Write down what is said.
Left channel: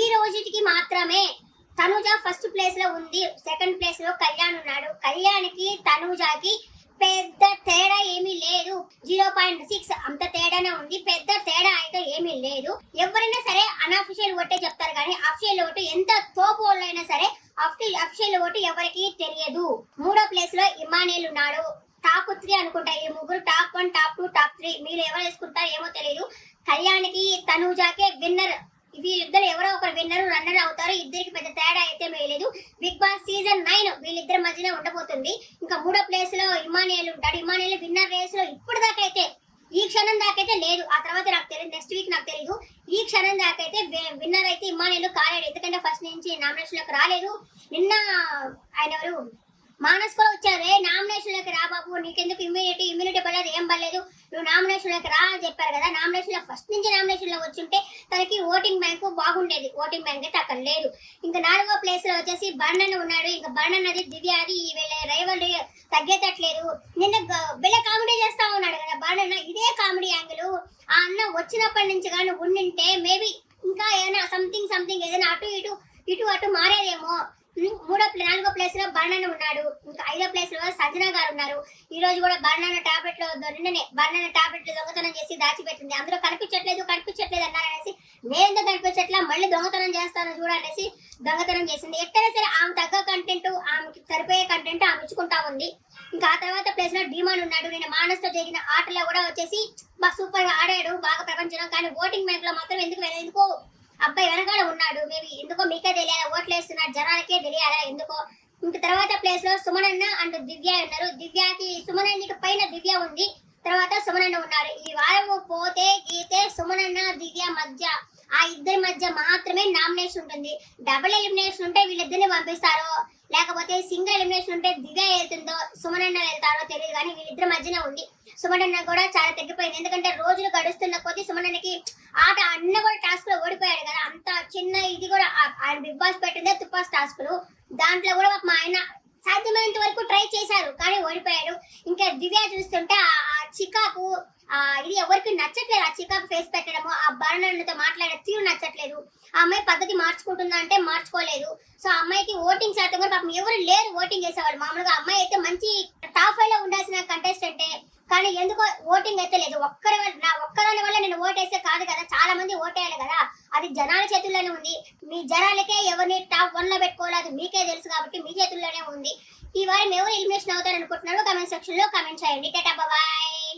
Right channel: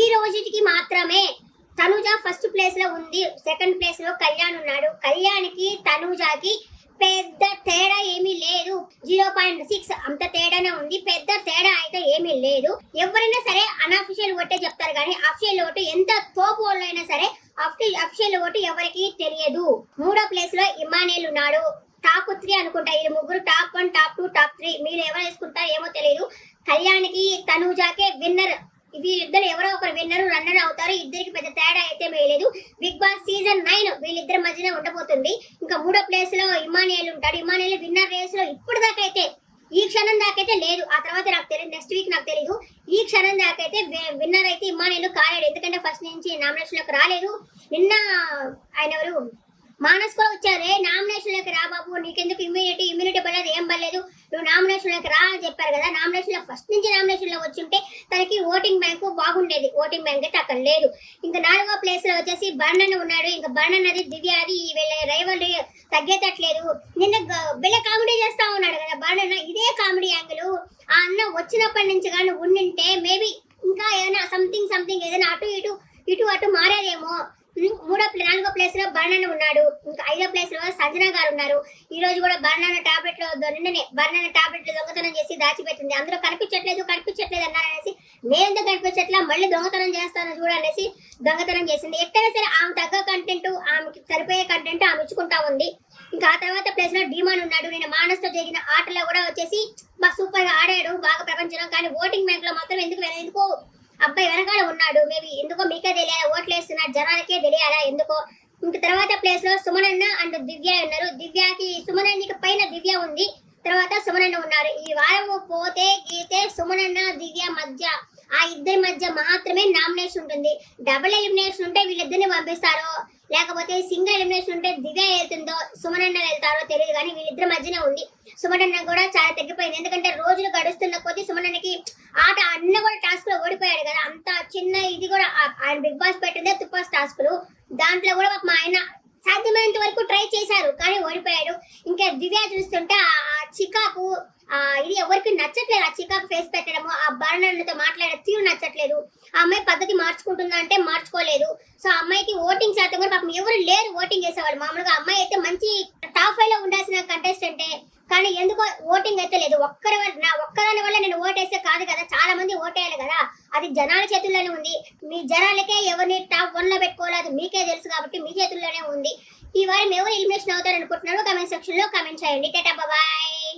ఈ రోజుకి మాత్రమే తనుజ ఫస్ట్ ప్లేస్ లో ఉంది, సెకండ్ ప్లేస్ లో కళ్యాణ్ ఉన్నాడు. కళ్యాణ్కి తనుజకి పెద్ద తేడా ఏమీ లేదు, 0.6 అంత తేడానే ఉంది. పెద్ద తేడా అయితే ఏమీ లేదు. ఎవరైనా సరే అన్అఫిషియల్ ఓటే చెప్తారు కానీ అఫిషియల్ ఓటు ఎంత తోపు వాళ్ళైనా సరే అఫిషియల్ ఓటు ఎవరికి తెలియదు. మూడో ప్లేస్ లో ఇమానియల్ ఉన్నాడు. టాప్ 3 అనుకుంటా, ఈ ముగ్గురు టాప్ 1, టాప్ 2, టాప్ 3. మీరు ఎవరు వేసుకుంటారో ఏమో తెలియదు. కళ్యాణ్కి తనుజాకే విన్నర్. వీళ్ళిద్దరు ఎవరో ఒకరు విన్నర్ రన్నర్ అవుతారు. ఇద్దరికి పెద్ద తేడా అయితే వేయలేదు. బిగ్ బాస్ సీజన్ 9 వీళ్ళిద్దరి మధ్యనే ఉండబోతుంది. ఇంకా మూడో ప్లేస్ లో ఇమానియల్ ఉంటాడు. ఇమానియల్ విన్నర్ రేస్ లో ఇప్పుడు దాకా అయితే, ఈ క్షణం దాకైతే లేదు. ఆ తర్వాత నాకు తెలియదు, నెక్స్ట్ వీక్ నాకు తెలియదు. ఈ క్షణం దాకైతే విన్నర్ అయితే ఇమానియల్ కాలేడు. ఎందుకంటే ఫస్ట్ నుంచి నామినేషన్ లోకి రాలేదు. నిన్న ఆయన ఎవరు మానస్ కూడా వచ్చారే, నామినేషన్ లోకి రా బాబు, నీకెందుకు ఇమ్యూనిటీ పడలేదు, ఏం పడలేదు, నువ్వు నామినేషన్ లోకి రా అని చెప్పారు కదా. నామినేషన్ లో ఫస్ట్ నుంచి నామినేషన్ లో వచ్చుంటే తనకి ఓటింగ్ బ్యాంకు బాగుండేది. ఓటింగ్ బ్యాంక్ అయితే అక్కడ లేదు. ఇంకా 4వ ప్లేస్ లో వచ్చేసి బర్ణన్ ఉన్నాడు. ఇంకా బర్ణన్ అది దివ్య అది వీళ్ళ రైవల్ తగ్గేటట్లేదు. నిన్న వీళ్ళ కామెడీ చేస్తా ఉన్నాడు కదా బర్ణన్. ఇదే కామెడీ యాంగిల్ ఆ అన్న వచ్చినప్పటి నుంచి కానీ ఉండింటే మేబీ ఇంకా ఏదైనా సంథింగ్ ఏదైనా ఇటు అటు మారేదేమో. 4వ ప్లేస్ లో బర్ణన్ ఉన్నాడు. ఇంకా 5వ ప్లేస్ లో సంజన గారు ఉన్నారు. ఈ రోజు కూడా బర్ణన్ టాబ్లెట్ నిన్ననే బర్ణన్ టాబ్లెట్ దొంగతనం చేసి దాచిపెట్టింది. అందులో కనిపించట్లేదు అన్నారనేసి, నేను కనిపించట్లా, మళ్ళీ దొంగతనం చేస్తాను చూడనేసి దొంగతనం చేసింది. ఎక్కడైనా సరే ఆమె తగ్గ కంటెంట్, ఆమెకి సరిపోయే కంటెంట్ ఆమె ఇచ్చుకుంటా ఉంది. ఇంకా ఆ తర్వాత ప్లేస్ లో డిమాండ్ ఉన్నాడు. నేను మానస్తో జరిగిన ఆటలో కూడా వచ్చేసి సూపర్ గా ఆడాడు, బాగా ప్రపంచంలో. కానీ ఓటింగ్ బ్యాంక్ లో మాత్రం ఎందుకో అబ్బాయి వెనకాల ఉన్నాడు. మేబీ ఎందుకో మీకే తెలియాలా, ఓట్లు వేస్తున్నాడు జనాలకే తెలియాలా ఎందుకో. ఇంకా తర్వాత ప్లేస్ లో సుమనన్న అండ్ దివ్య ఉన్నారు. దివ్యకి సుమనన్నకి పైన దివ్య ఉంది, తర్వాత సుమనన్న ఉన్నారు. ఈ వారం పోతే గీతే సుమనన్న దివ్య మధ్య, ఆ ఇద్దరి మధ్య మాత్రమే నామినేషన్ ఉంటుంది. డబుల్ ఎలిమినేషన్ ఉంటే వీళ్ళిద్దరిని పంపిస్తారో, లేకపోతే సింగిల్ ఎలిమినేషన్ ఉంటే దివ్య వెళ్తుందో సుమనన్న వెళ్తారో తెలియదు. కానీ వీళ్ళిద్దరి మధ్యనే ఉంది. సుమనన్న కూడా చాలా తగ్గిపోయింది. ఎందుకంటే రోజులు గడుస్తున్న కొద్దీ సుమనన్నకి ఆట అన్న కూడా టాస్క్ లో ఓడిపోయాడు కదా. అంత చిన్న ఇది కూడా ఆయన బిగ్ బాస్ పెట్టిందే తుపాస్ టాస్కులు, దాంట్లో కూడా మా ఆయన సాధ్యమైనంత వరకు ట్రై చేశారు కానీ ఓడిపోయాడు. ఇంకా దివ్య చూస్తుంటే ఆ చికాకు ఇది ఎవరికి నచ్చట్లేదు. ఆ చికాకు ఫేస్ పెట్టడము, ఆ బర్ణన్తో మాట్లాడే తీరు నచ్చట్లేదు. ఆ అమ్మాయి పద్ధతి మార్చుకుంటుందా అంటే మార్చుకోలేదు. సో ఆ అమ్మాయికి ఓటింగ్ శాతం కూడా పాపం ఎవరు లేరు ఓటింగ్ చేసేవాళ్ళు. మామూలుగా అమ్మాయి అయితే మంచి టాప్ 5 లో ఉండాల్సిన కంటెస్టెంటే, కానీ ఎందుకో ఓటింగ్ అయితే లేదు. ఒక్కదాని వల్ల నేను ఓటేస్తే కాదు కదా, చాలా మంది ఓటేయాలి కదా. అది జనాల చేతుల్లోనే ఉంది. మీ జనాలకే ఎవరిని టాప్ 1 లో పెట్టుకోవాలి అది మీకే తెలుసు కాబట్టి మీ చేతుల్లోనే ఉంది. ఈ వారం ఎవరు ఎలిమినేషన్ అవుతారు అనుకుంటున్నారో కామెంట్ సెక్షన్ లో కామెంట్ చేయండి. టాటా బాయ్.